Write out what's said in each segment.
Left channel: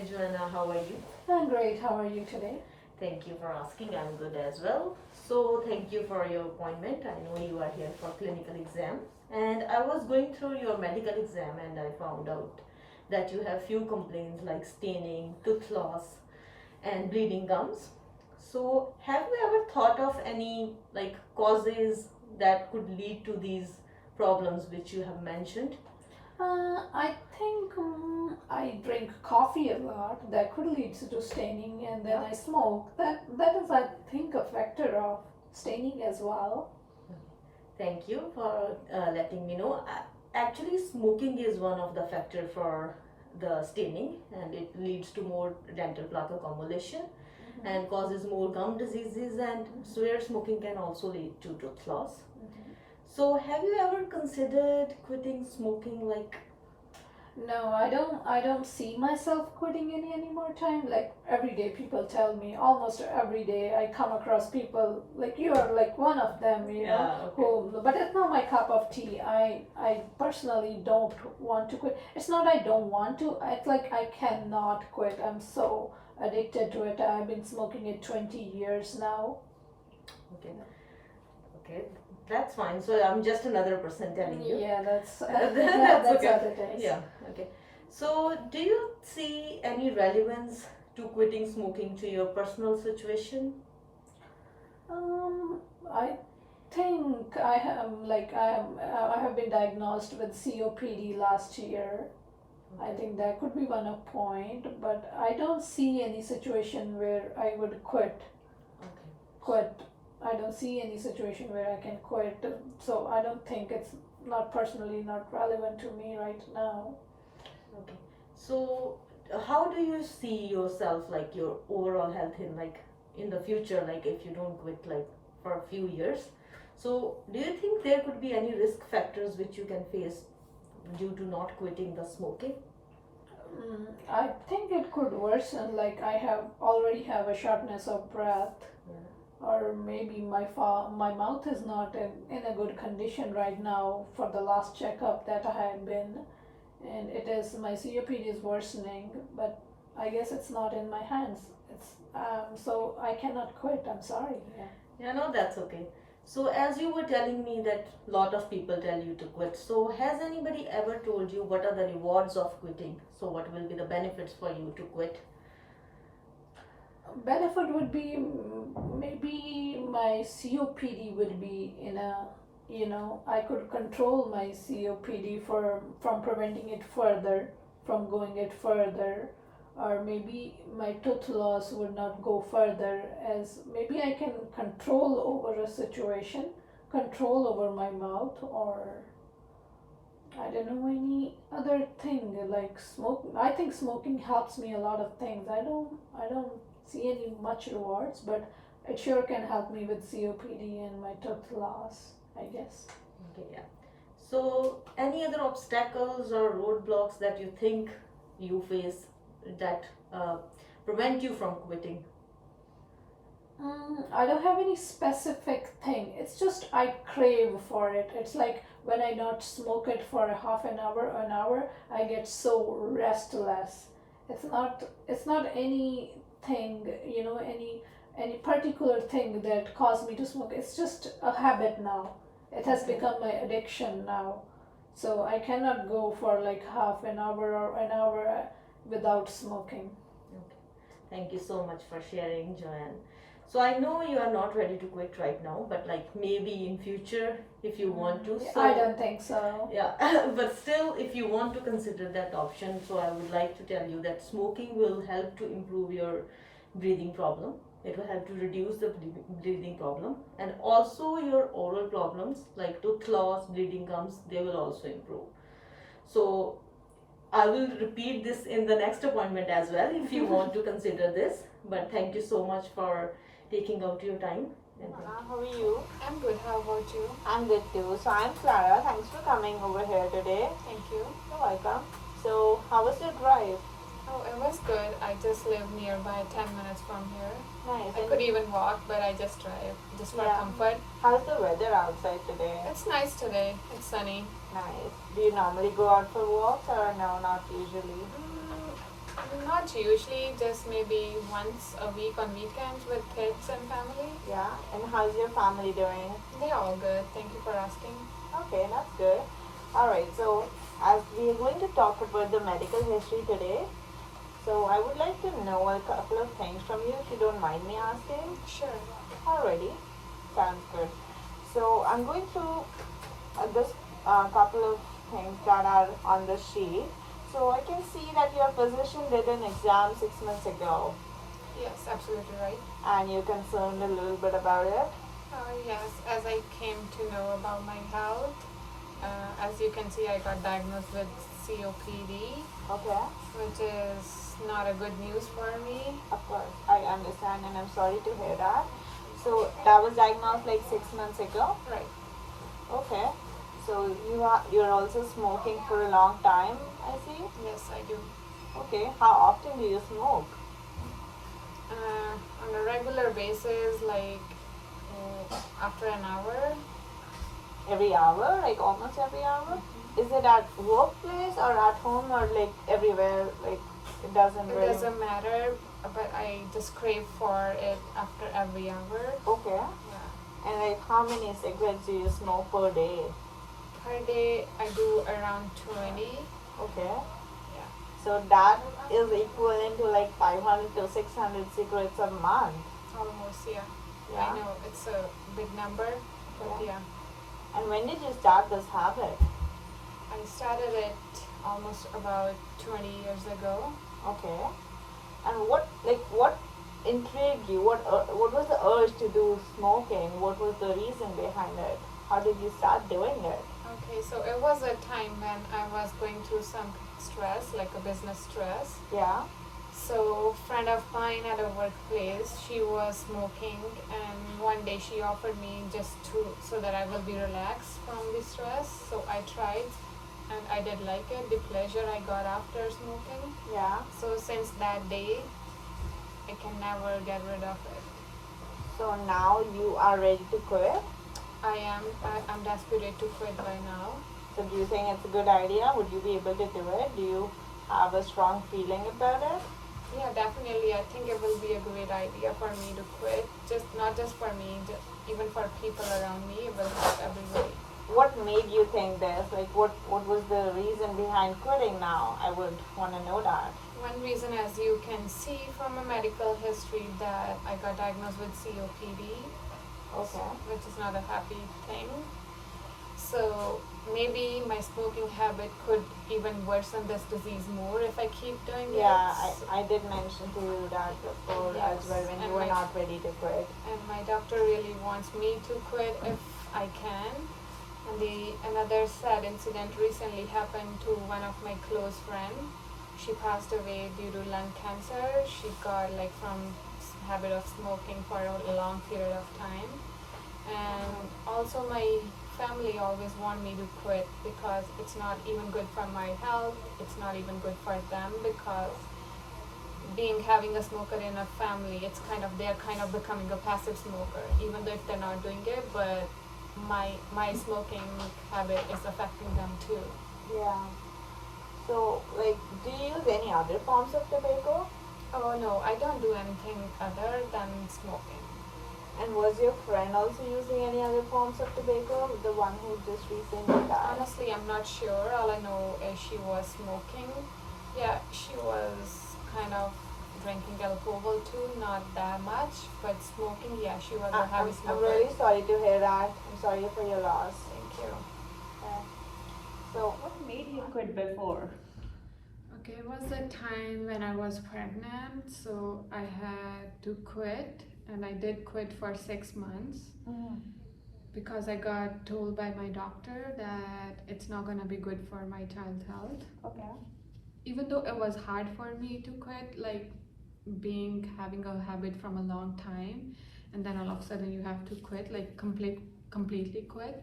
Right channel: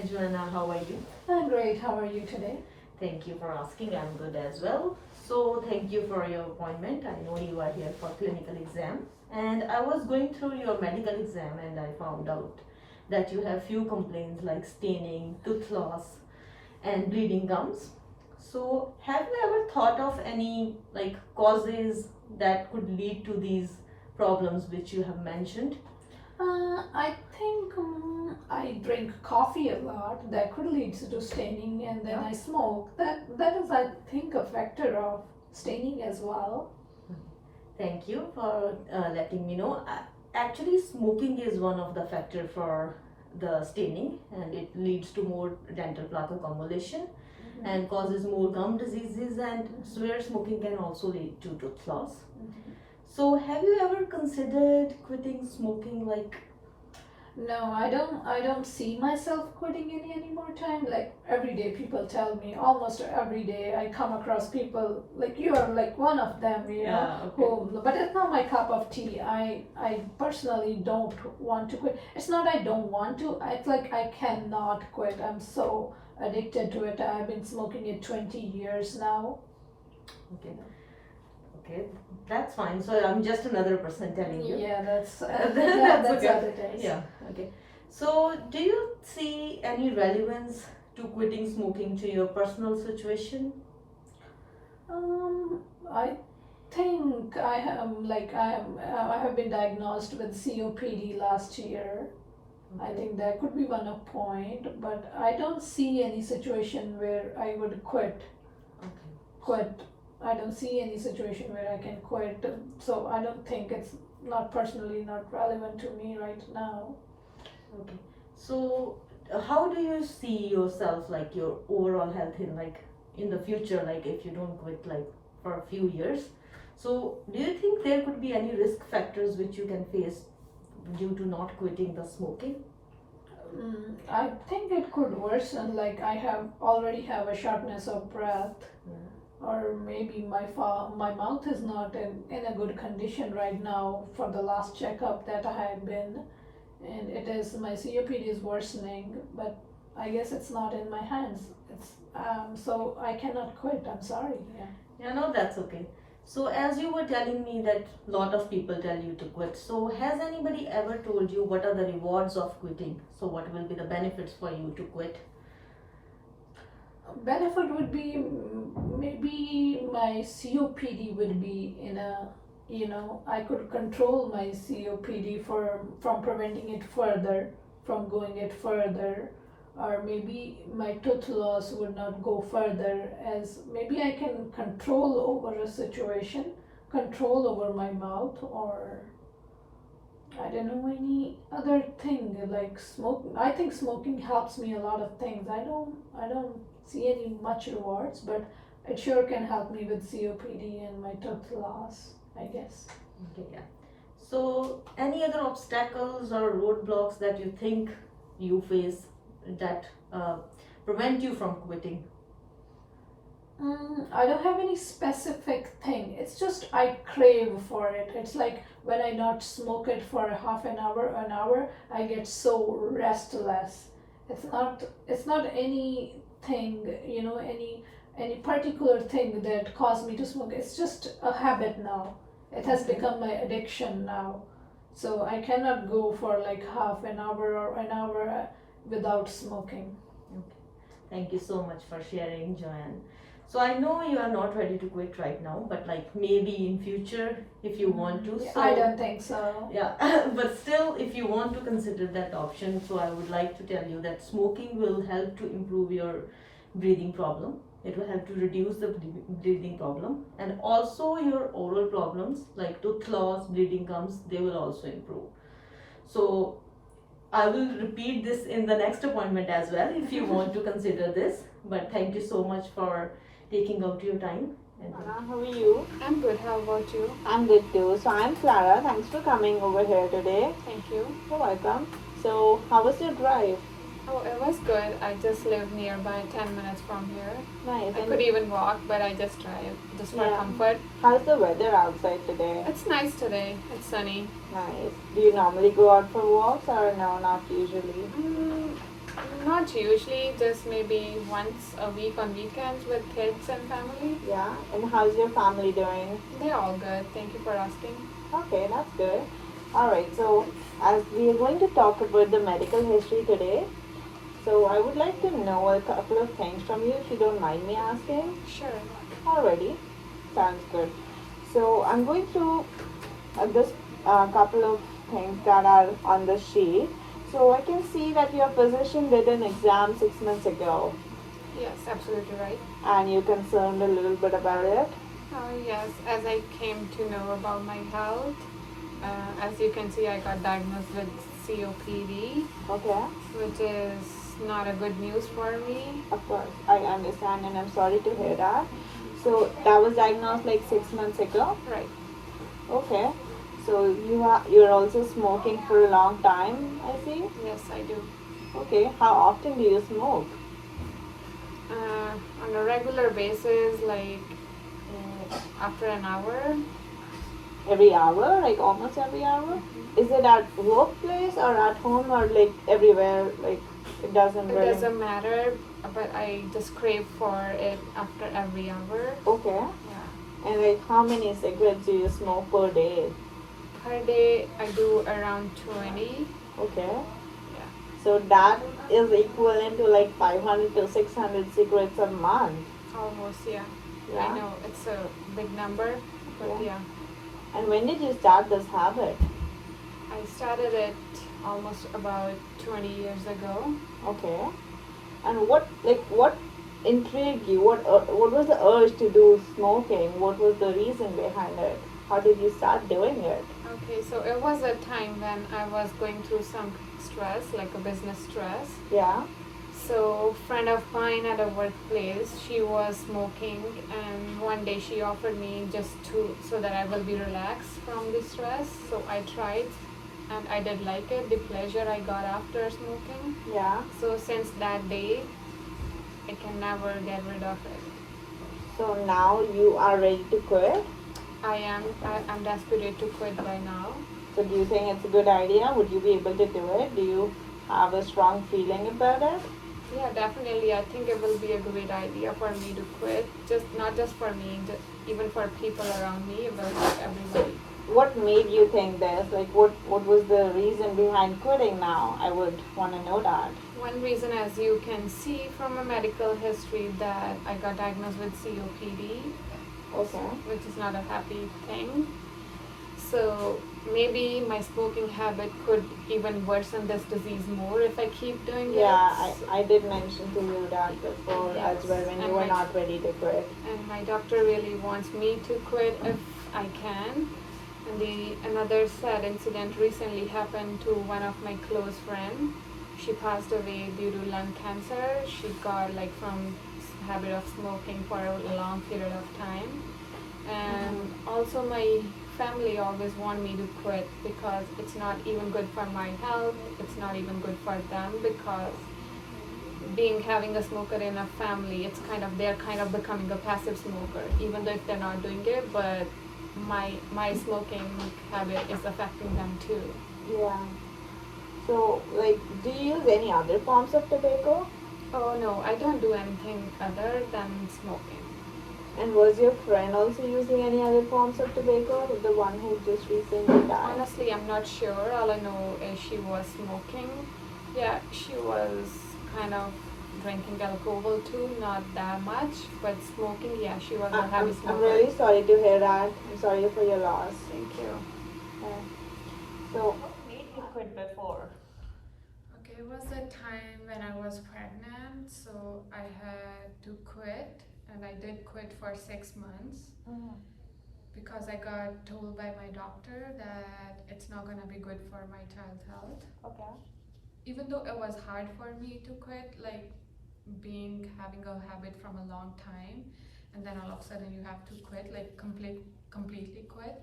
Hi Joanna, how are you? I'm great. How are you today? Thank you for asking. I'm good as well. So thank you for your appointment. I know you are here for clinical exam. And I was going through your medical exam and I found out that you have few complaints like staining, tooth loss, and bleeding gums. So have you ever thought of any like causes that could lead to these problems which you have mentioned? I think I drink coffee a lot. That could lead to staining, and then Yeah. I smoke. That is, I think, a factor of staining as well. Thank you for letting me know. Actually, smoking is one of the factor for the staining, and it leads to more dental plaque accumulation and causes more gum diseases. And severe smoking can also lead to tooth loss. So, have you ever considered quitting smoking? Like, No, I don't. I don't see myself quitting any more time. Like every day, people tell me. Almost every day, I come across people like you are like one of them. yeah, okay. Who. But it's not my cup of tea. I personally don't want to quit. It's not I don't want to. It's like I cannot quit. I'm so addicted to it. I've been smoking it 20 years now. Okay, okay, that's fine. So, I'm just another person telling you. Yeah, that's That's that's okay. what it is. Yeah, okay. So, do you see any relevance to quitting smoking to your personal situation? I think I have been diagnosed with COPD last year. I Okay. think that could be one of point, but I don't see any situation where I would quit. Okay. Quit. I don't see any situation where I can quit. So I don't think it's not personally not relevant to me right now. Okay. So, how do you see yourself, like your overall health in like in the future, like if you don't quit like for a few years? So, do you think there could be any risk factors which you can face due to not quitting the smoking? I think it could worsen. Like I have already have a shortness of breath, Yeah. or maybe my mouth is not in a good condition right now for the last checkup that I had been, and it is my COPD is worsening, but I guess it's not in my hands. It's so I cannot quit. I'm sorry. Yeah. Yeah, no, that's okay. So, as you were telling me that lot of people tell you to quit. So, has anybody ever told you what are the rewards of quitting? So, what will be the benefits for you to quit? Benefit would be maybe my COPD would be in a, I could control my COPD from preventing it further, from going it further, or maybe my tooth loss would not go further, as maybe I can control over a situation, control over my mouth, or I don't know any other thing like smoking. I think smoking helps me a lot of things. I don't see any much rewards, but it sure can help me with COPD and my tooth loss, I guess. Okay, yeah. So, any other obstacles or roadblocks that you think you face that prevent you from quitting? I don't have any specific thing. It's just I crave for it. It's like when I not smoke it for a half an hour, I get so restless. It's not anything, any particular thing that caused me to smoke. It's just a habit now. It has Okay. become my addiction now. So I cannot go for like half an hour or an hour without smoking. Okay. Thank you so much for sharing, Joanne. So I know you are not ready to quit right now, but like maybe in future if you want to. Yeah, So I don't think so. yeah, but still, if you want to consider that option, so I would like to tell you that smoking will help to improve your breathing problem. It will help to reduce the breathing problem, and also your oral problems like tooth loss, bleeding gums, they will also improve. So I will repeat this in the next appointment as well if you want to consider this. But thank you so much for taking out your time. And How are you? I'm good. How about you? I'm good too. So I'm Clara. Thanks for coming over here today. Thank you. You're welcome. So how was your drive? Oh, it was good. I just live nearby, 10 minutes from here. Nice. I could even walk, but I just drive just for Yeah. comfort. How's the weather outside today? It's nice today. It's sunny. Nice. Do you normally go out for walks or no, not usually? Not usually, just maybe once a week on weekends with kids and family. Yeah. And how's your family doing? They're all good. Thank you for asking. Okay, that's good. Alright, so as we are going to talk about the medical history today, so I would like to know a couple of things from you if you don't mind me asking. Sure. Already. Sounds good. So I'm going through this couple of things that are on the sheet. So I can see that your physician did an exam 6 months ago Yes, absolutely right. and you're concerned a little bit about it. Yes, as I came to know about my health, as you can see, I got diagnosed with COPD, Okay, which is not a good news for me. of course. I understand and I'm sorry to hear that. So that was diagnosed like 6 months ago. Right. Okay. So you're also smoking for a long time, I see. Yes, I do. Okay. How often do you smoke? On a regular basis, like after an hour. Every hour, like almost every hour? Is it at workplace or at home or like everywhere? Like it doesn't It really. doesn't matter, but I just crave for it after every hour. Okay. Yeah. And like how many cigarettes do you smoke per day? Per day, I do around 20. Okay. Yeah. So that is equivalent to like 500 to 600 cigarettes a month. Almost, yeah. Yeah. I know it's a big number, but Yeah. yeah. And when did you start this habit? I started it almost about 20 years ago. Okay. And what intrigued you? What was the urge to do smoking? What was the reason behind it? How did you start doing it? Okay, so it was a time when I was going through some stress, like a business stress. Yeah. So, friend of mine at a workplace, she was smoking, and one day she offered me just so that I will be relaxed from the stress. So I tried, and I did like it. The pleasure I got after smoking. Yeah. So since that day, I can never get rid of it. So now you are ready to quit. I'm desperate to quit by now. So do you think it's a good idea? Would you be able to do it? Do you have a strong feeling about it? Yeah, definitely. I think it will be a great idea for me to quit. Just not just for me, even for people around me. It will help everybody. What made you think this? Like what was the reason behind quitting now? I would want to know that. One reason, as you can see from a medical history, that I got diagnosed with COPD, Okay. which is not a happy thing. So maybe my smoking habit could even worsen this disease more if I keep doing Yeah, it. I did mention to you that before Yes, as well when and you were my- not ready to quit. And my doctor really wants me to quit if I can. And another sad incident recently happened to one of my close friends. She passed away due to lung cancer. She got like from habit of smoking for a long period of time. And also my family always want me to quit because it's not even good for my health. It's not even good for them because having a smoker in a family, they're kind of becoming a passive smoker, even though if they're not doing it, but my smoking habit is affecting them too. Yeah. So like do you use any other forms of tobacco? Oh no, I don't do anything other than smoking. And was your friend also using any other forms of tobacco? The one who just recently died? Honestly, I'm not sure. All I know is she was smoking. Yeah, she was kind of drinking alcohol too, not that much, but smoking, yeah, she was a heavy I'm smoker. really sorry to hear that. I'm sorry for your loss. Thank you. Yeah. So what made you quit before? Okay, it was a time when I was pregnant, so I had to quit, and I did quit for 6 months because I got told by my doctor that it's not gonna be good for my child's health. Okay. Even though it was hard for me to quit, like having a habit from a long time, and then all of a sudden you have to quit, like completely quit.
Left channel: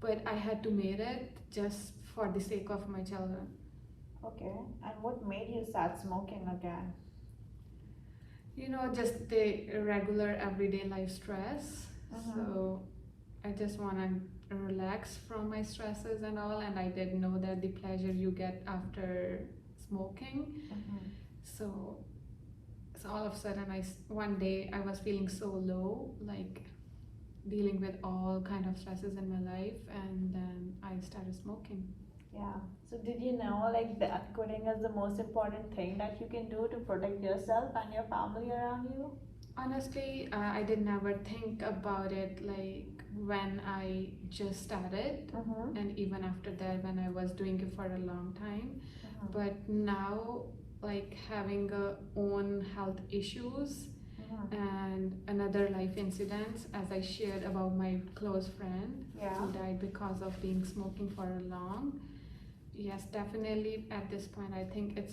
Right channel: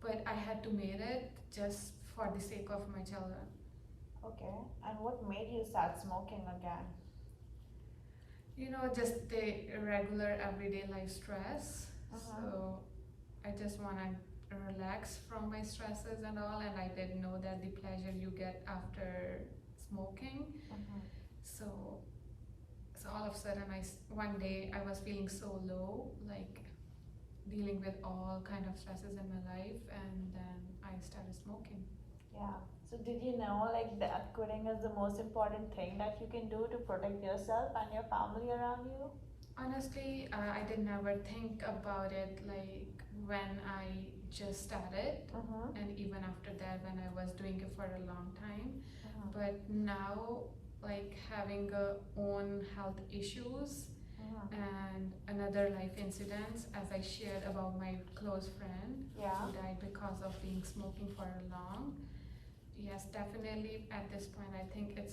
But I had to make it just for the sake of my children. Okay. And what made you start smoking again? Just the regular everyday life stress. So I just want to relax from my stresses and all, and I didn't know that the pleasure you get after smoking. So all of a sudden one day I was feeling so low, like dealing with all kind of stresses in my life, and then I started smoking. Yeah. So did you know like that quitting is the most important thing that you can do to protect yourself and your family around you? Honestly, I did never think about it like when I just started, Mm-hmm. and even after that when I was doing it for a long time. Mm-hmm. But now, like having own health issues Mm-hmm. and another life incidents, as I shared about my close friend Yeah. who died because of being smoking for a long. Yes, definitely at this point I think it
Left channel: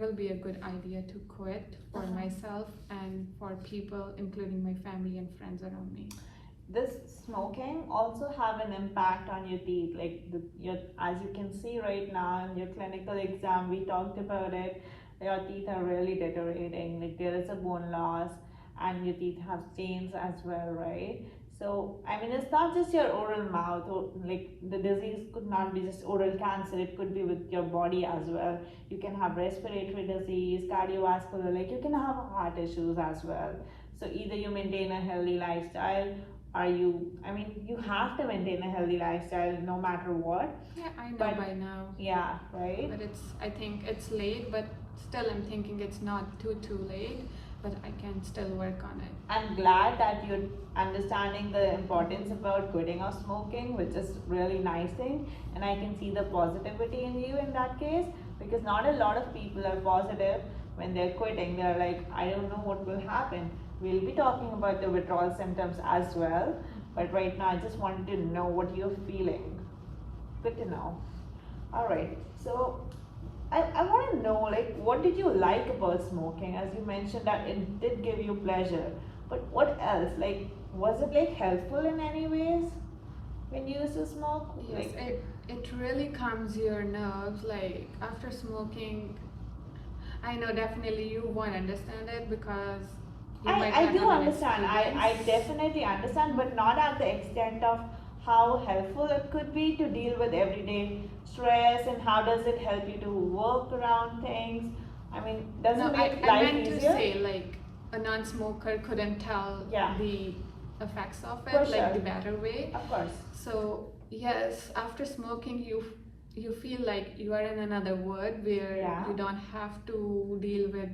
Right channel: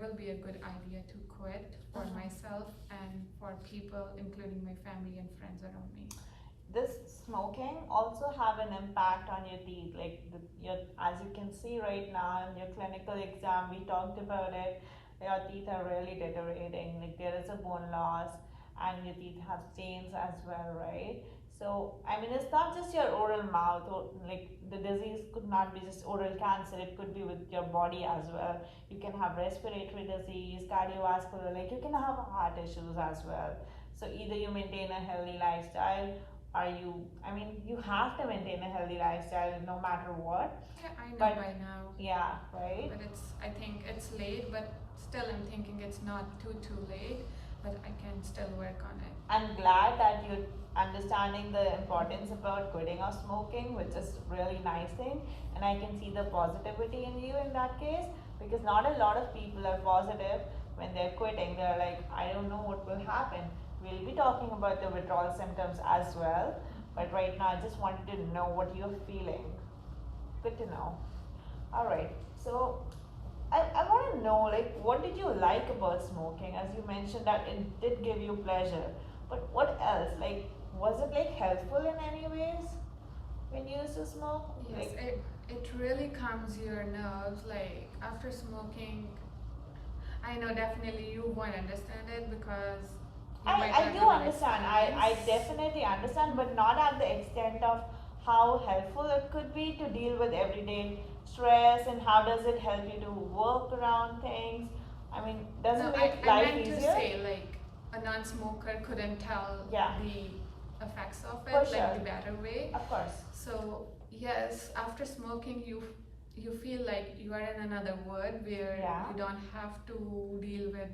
will be a good idea to quit for Uh-huh. myself and for people, including my family and friends around me. This smoking also have an impact on your teeth, like your, as you can see right now in your clinical exam we talked about it, your teeth are really deteriorating, like there is a bone loss and your teeth have stains as well, right? So I mean it's not just your oral mouth, or like the disease could not be just oral cancer, it could be with your body as well. You can have respiratory disease, cardiovascular, like you can have heart issues as well. So either you maintain a healthy lifestyle, are you, I mean you have to maintain a healthy lifestyle no matter what. Yeah, I know But by now, yeah, right. but I think it's late, but still I'm thinking it's not too late, but I can still work on it. I'm glad that you're understanding the importance about quitting or smoking, which is really nice thing, and I can see the positivity in you in that case, because not a lot of people are positive when they're quitting. They're like, I don't know what will happen. We'll be talking about the withdrawal symptoms as well, but right now I just wanted to know what you're feeling. Good to know. All right. So I want to know, like, what did you like about smoking? As you mentioned that it did give you pleasure, but what else? Like, was it like helpful in any ways when you used to smoke? Yes, Like, it really calms your nerves. Like after smoking, I know definitely you won't understand it because you might I not do have an understand. I experience. definitely understand, but not at the extent of how helpful it could be to deal with everyday stress and how does it help you to work around things. I mean, does No, it make I life meant to easier? say like a non-smoker couldn't tell Yeah. the effects of For it like sure. the better way. Of course. So yes, after smoking you feel like you are in another world where Yeah. you don't have to deal with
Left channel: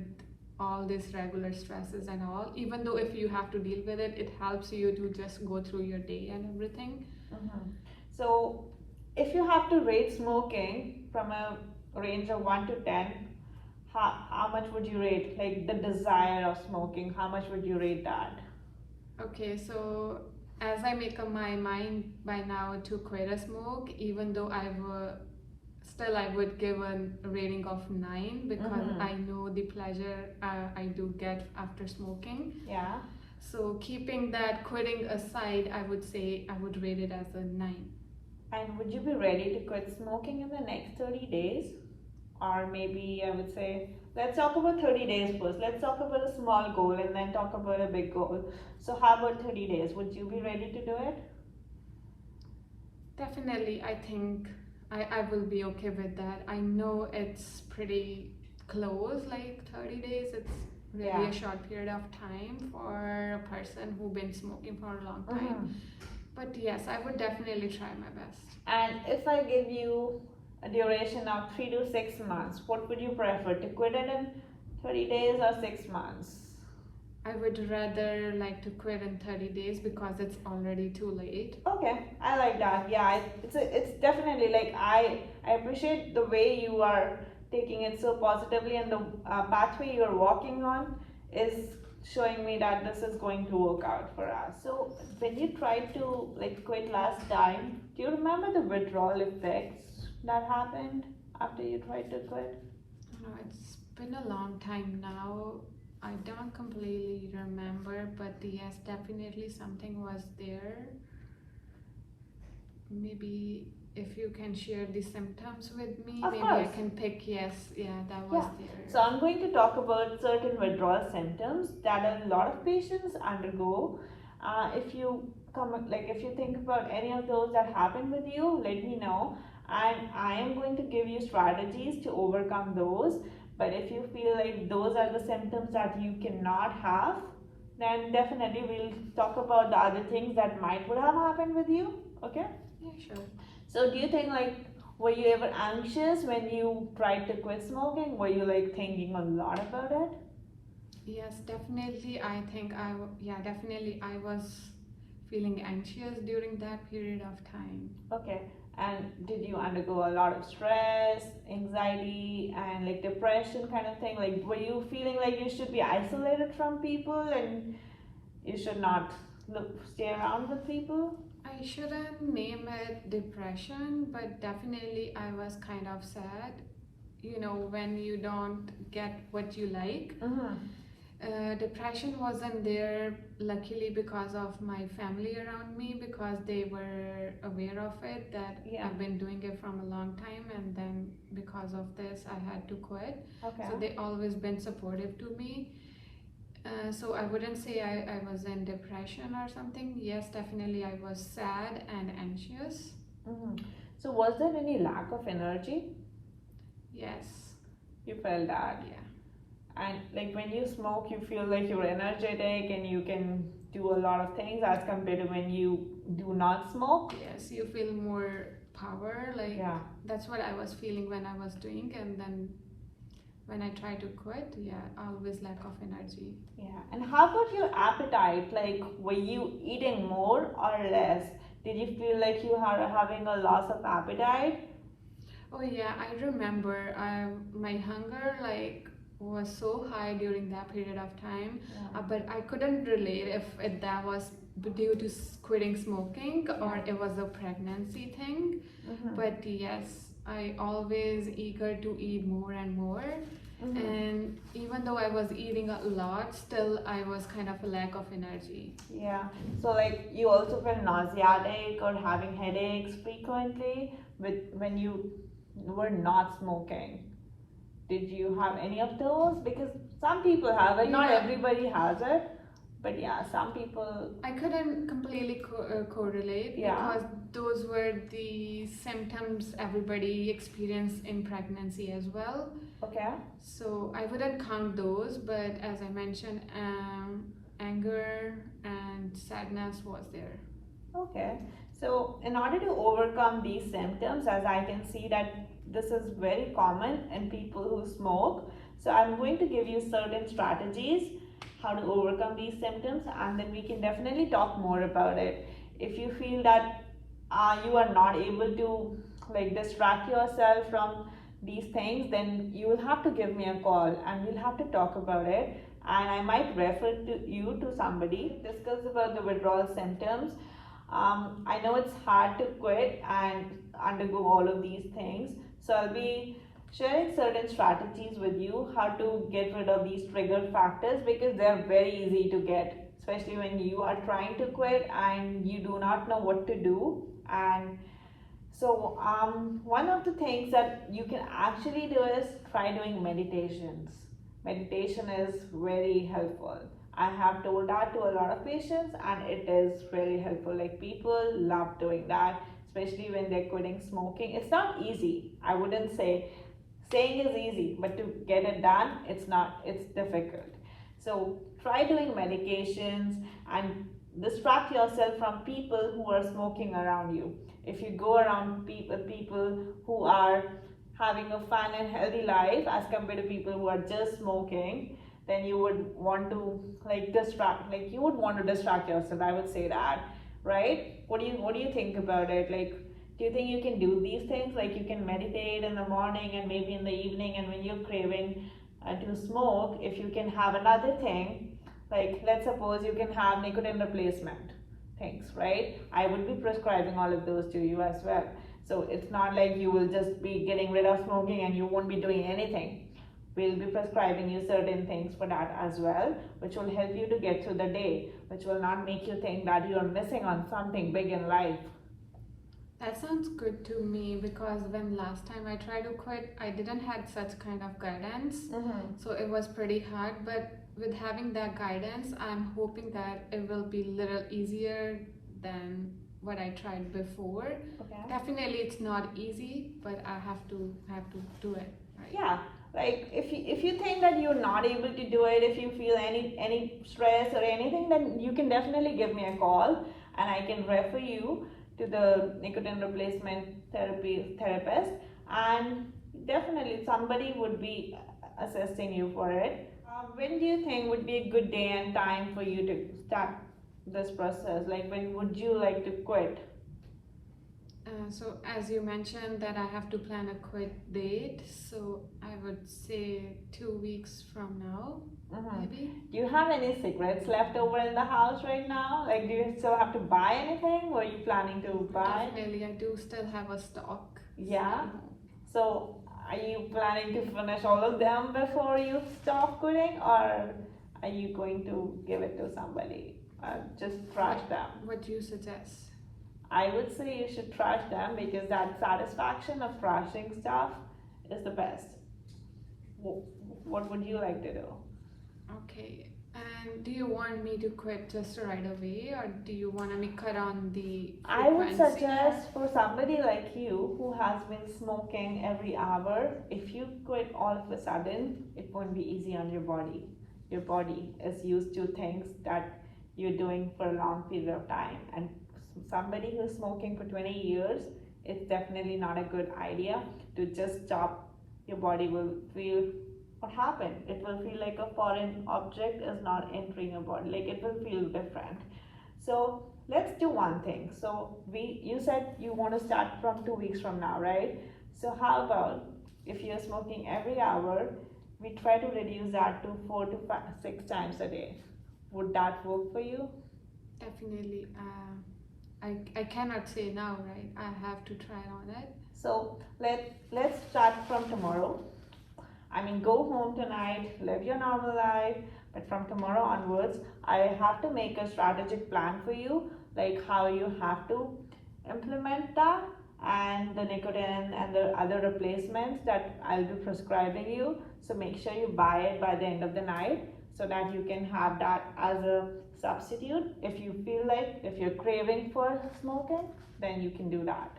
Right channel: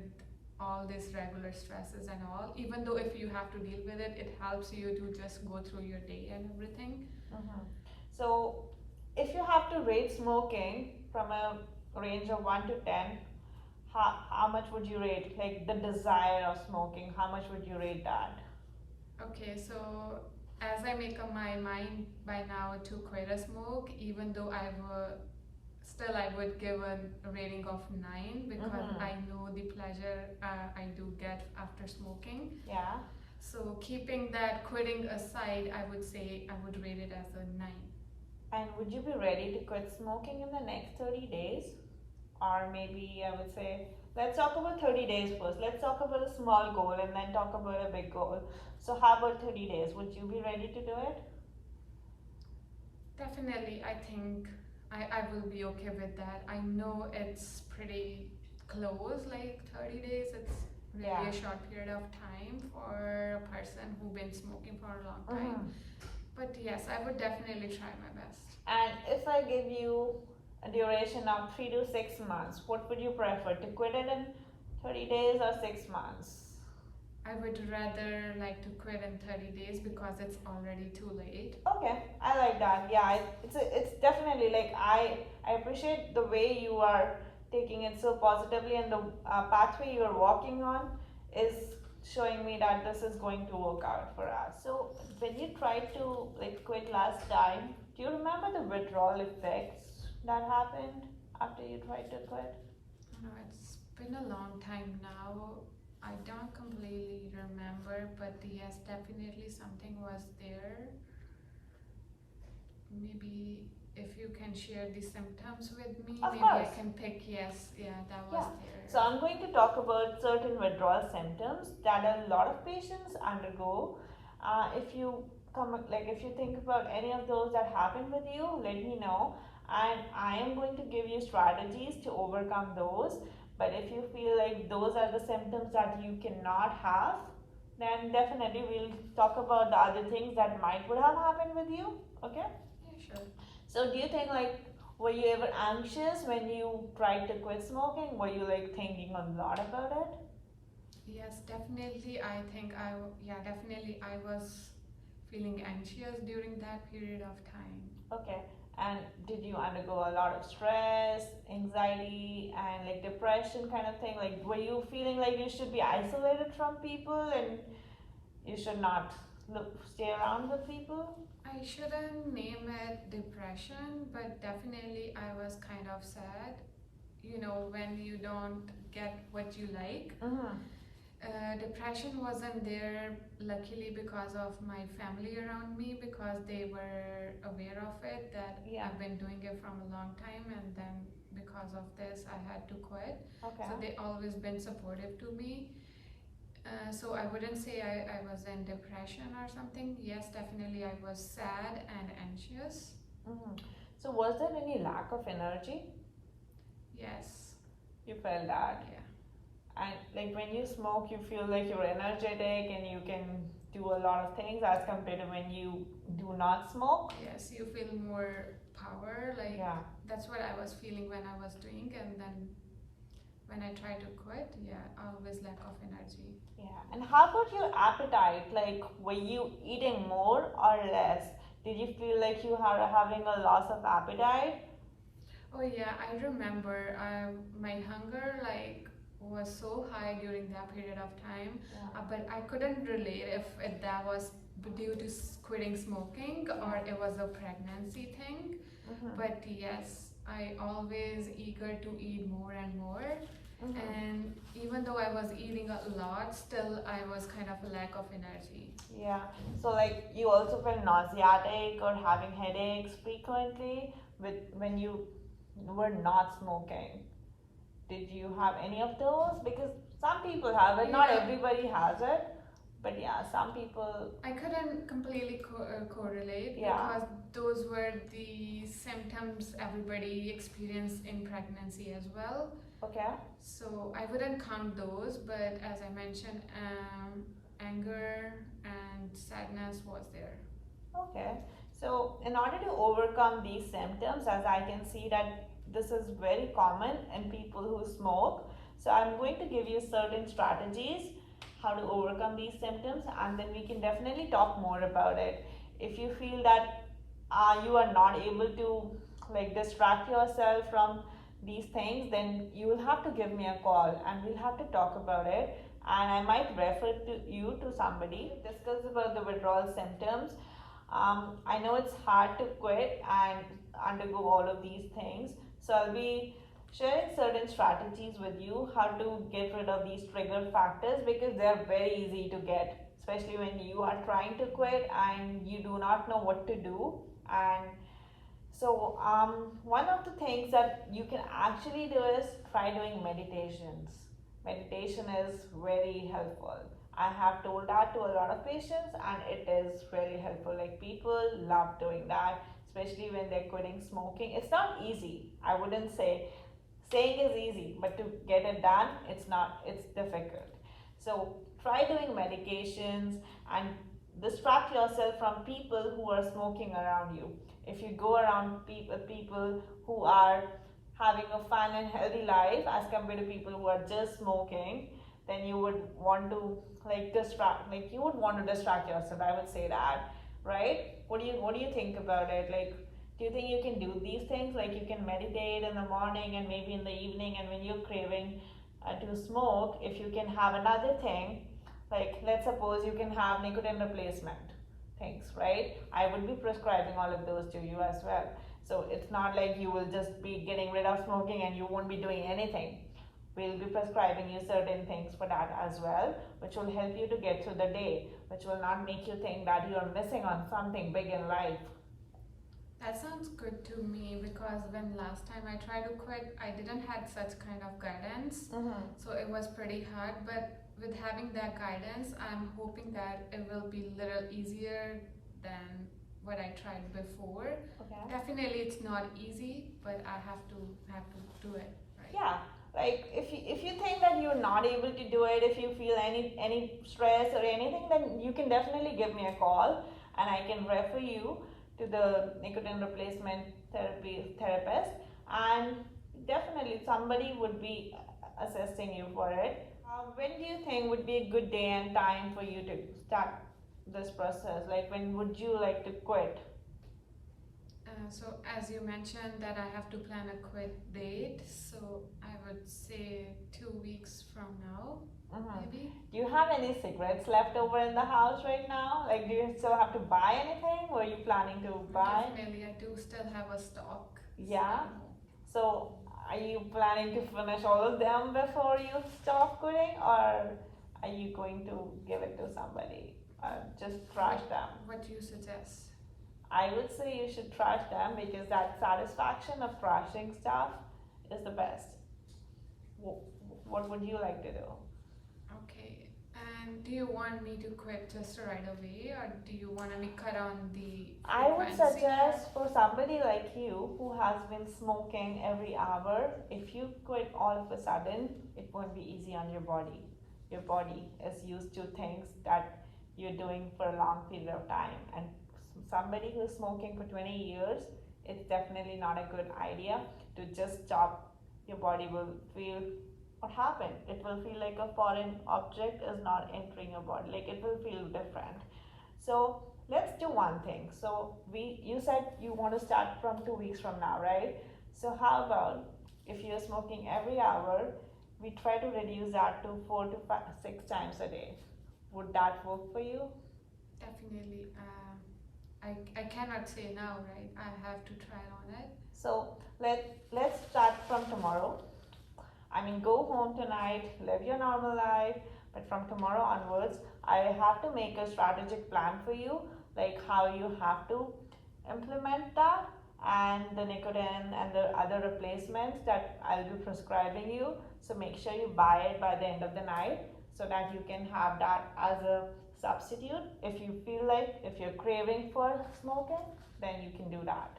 all these regular stresses and all. Even though if you have to deal with it, it helps you to just go through your day and everything. Mm-hmm. So, if you have to rate smoking from a range of 1 to 10, how much would you rate? Like the desire of smoking, how much would you rate that? Okay, so as I make up my mind by now to quit a smoke, even though still I would give a rating of 9 because Mhm. I know the pleasure I do get after smoking. Yeah. So keeping that quitting aside, I would say I would rate it as a 9. And would you be ready to quit smoking in the next 30 days? Or maybe I would say, let's talk about 30 days first. Let's talk about a small goal and then talk about a big goal. So, how about 30 days? Would you be ready to do it? Definitely, I think I will be okay with that. I know it's pretty close, like 30 days. It's really Yeah. a short period of time for a person who's been smoking for a long time. Mhm. But yes, I would definitely try my best. And if I give you a duration of 3 to 6 months, what would you prefer, to quit it in 30 days or 6 months? I would rather like to quit in 30 days because it's already too late. Okay, I like that. Yeah, it's definitely like I appreciate the way you are taking it so positively, and the pathway you're walking on is showing me that this is going to work out for us. So when you tried to like quit last time, do you remember the withdrawal effects that happened after you tried to quit? No, it's been a long time now. I don't completely remember, but yes, definitely something was there. Maybe if you can share the symptoms with me, Of maybe I course. can pick. Yes, yeah, that was Yeah. there. So I'm going to talk about certain withdrawal symptoms that a lot of patients undergo. If you if you think about any of those that happen with you, let me know, and I am going to give you strategies to overcome those. But if you feel like those are the symptoms that you cannot have, then definitely we'll talk about the other things that might would have happened with you. Okay? Yeah, sure. So do you think like were you ever anxious when you tried to quit smoking? Were you like thinking a lot about it? Yes, definitely. I think definitely I was feeling anxious during that period of time. Okay. And did you undergo a lot of stress, anxiety, and like depression kind of thing? Like, were you feeling like you should be isolated from people and you should not stay around with people? I shouldn't name it depression, but definitely I was kind of sad. You know, when you don't get what you like. Mm-hmm. Depression wasn't there, luckily, because of my family around me, because they were aware of it, that Yeah. I've been doing it from a long time, and then because of this, I had to quit. Okay. So they always been supportive to me. So I wouldn't say I was in depression or something. Yes, definitely I was sad and anxious. Mm-hmm. So was there any lack of energy? Yes, You felt that? yeah. And like when you smoke, you feel like you're energetic and you can do a lot of things as compared to when you do not smoke. Yes, you feel more power, like Yeah. that's what I was feeling when I was doing, and then when I tried to quit, yeah, always lack of energy. Yeah. And how about your appetite? Like, were you eating more or less? Did you feel like you are having a loss of appetite? Oh yeah, I remember my hunger like was so high during that period of time, Yeah. but I couldn't relate if that was due to quitting smoking or it was a pregnancy thing. Mm-hmm. But yes, I always eager to eat more and more. Mm-hmm. And even though I was eating a lot, still I was kind of a lack of energy. Yeah. So like you also feel nauseatic or having headaches frequently with when you were not smoking. Did you have any of those? Because some people have it, not Yeah. everybody has it. But yeah, some people. I couldn't completely correlate Yeah. because those were the symptoms everybody experienced in pregnancy as well. Okay. So I wouldn't count those, but as I mentioned, anger and sadness was there. Okay. So in order to overcome these symptoms, as I can see that this is very common in people who smoke. So I'm going to give you certain strategies how to overcome these symptoms, and then we can definitely talk more about it. If you feel that you are not able to like distract yourself from these things, then you will have to give me a call and we'll have to talk about it. And I might refer to you to somebody discuss about the withdrawal symptoms. I know it's hard to quit and undergo all of these things, so I'll be sharing certain strategies with you how to get rid of these trigger factors because they're very easy to get, especially when you are trying to quit and you do not know what to do. And so one of the things that you can actually do is try doing meditations. Meditation is very helpful. I have told that to a lot of patients and it is really helpful. Like people love doing that, especially when they're quitting smoking. It's not easy. I wouldn't say saying is easy, but to get it done, it's not, it's difficult. So try doing medications and distract yourself from people who are smoking around you. If you go around people who are having a fun and healthy life as compared to people who are just smoking, then you would want to you would want to distract yourself. I would say that, right? What do you think about it? Like, do you think you can do these things? Like you can meditate in the morning and maybe in the evening, and when you're craving to smoke, if you can have another thing, like let's suppose you can have nicotine replacement things, right? I would be prescribing all of those to you as well. So it's not like you will just be getting rid of smoking and you won't be doing anything. We'll be prescribing you certain things for that as well, which will help you to get through the day, which will not make you think that you are missing on something big in life. That sounds good to me because when last time I tried to quit, I didn't had such kind of guidance. Mm-hmm. So it was pretty hard, but with having that guidance, I'm hoping that it will be little easier than what I tried before. Okay. Definitely it's not easy, but I have to do it, right? Yeah, Like if you think that you're not able to do it, if you feel any stress or anything, then you can definitely give me a call, and I can refer you to the nicotine replacement therapist, and definitely somebody would be assisting you for it. When do you think would be a good day and time for you to start this process? Like when would you like to quit? So as you mentioned that I have to plan a quit date, so I would say 2 weeks from now, maybe. Do you have any cigarettes left over in the house right now? Like, do you still have to buy anything? Were you planning to buy? Definitely, I do still have a stock. Yeah. So, are you planning to finish all of them before you stop quitting, or are you going to give it to somebody? Just trash them. What do you suggest? I would say you should trash them because that satisfaction of trashing stuff is the best. What would you like to do? Okay. And do you want me to quit just right away, or do you want me cut on the I would frequency? suggest for somebody like you who has been smoking every hour, if you quit all of a sudden, it won't be easy on your body. Your body is used to things that you're doing for a long period of time, and somebody who's smoking for 20 years, it's definitely not a good idea to just stop. Your body will feel what happened. It will feel like a foreign object is not entering your body, like it will feel different. So let's do one thing. So you said you want to start from 2 weeks from now, right? So how about if you're smoking every hour, we try to reduce that to 4 to 6 times a day. Would that work for you? Definitely. I cannot say now, right? I have to try on it. So let's start from tomorrow. I mean, go home tonight, live your normal life, but from tomorrow onwards, I have to make a strategic plan for you, like how you have to implement that, and the nicotine and the other replacements that I'll be prescribing you. So make sure you buy it by the end of the night so that you can have that as a substitute. If you feel like, if you're craving for smoking, then you can do that.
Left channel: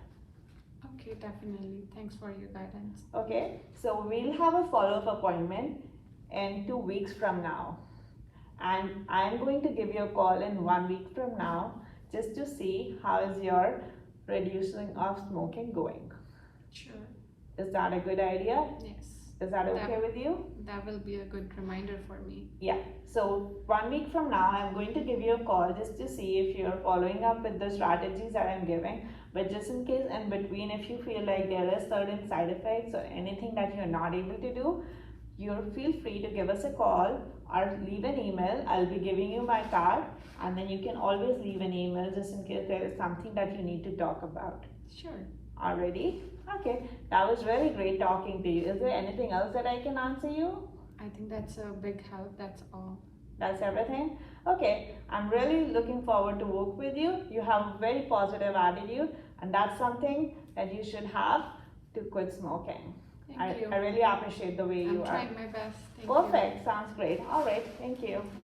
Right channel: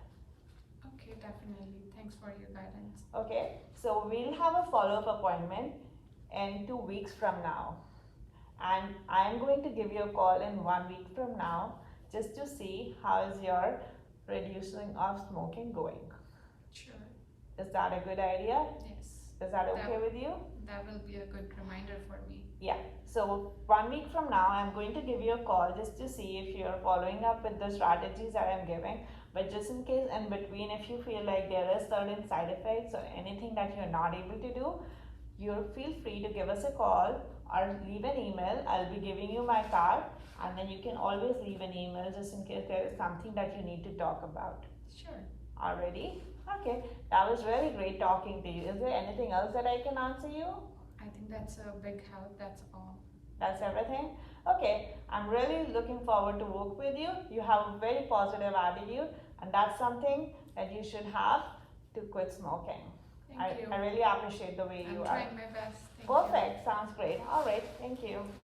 Okay, definitely. Thanks for your guidance. Okay, so we'll have a follow-up appointment in 2 weeks from now, and I'm going to give you a call in 1 week from now just to see how is your reducing of smoking going. Sure. Is that a good idea? Yes. Is that okay with you? That will be a good reminder for me. Yeah, so 1 week from now, I'm going to give you a call just to see if you're following up with the strategies that I'm giving. But just in case in between, if you feel like there are certain side effects or anything that you're not able to do, you feel free to give us a call or leave an email. I'll be giving you my card, and then you can always leave an email just in case there is something that you need to talk about. Sure. Already? Okay, that was really great talking to you. Is there anything else that I can answer you? I think that's a big help. That's all. That's everything? Okay, I'm really looking forward to work with you. You have a very positive attitude, and that's something that you should have to quit smoking. Thank you. I really appreciate the way you I'm are. trying my best. Thank you. Perfect, sounds great. All right, thank you.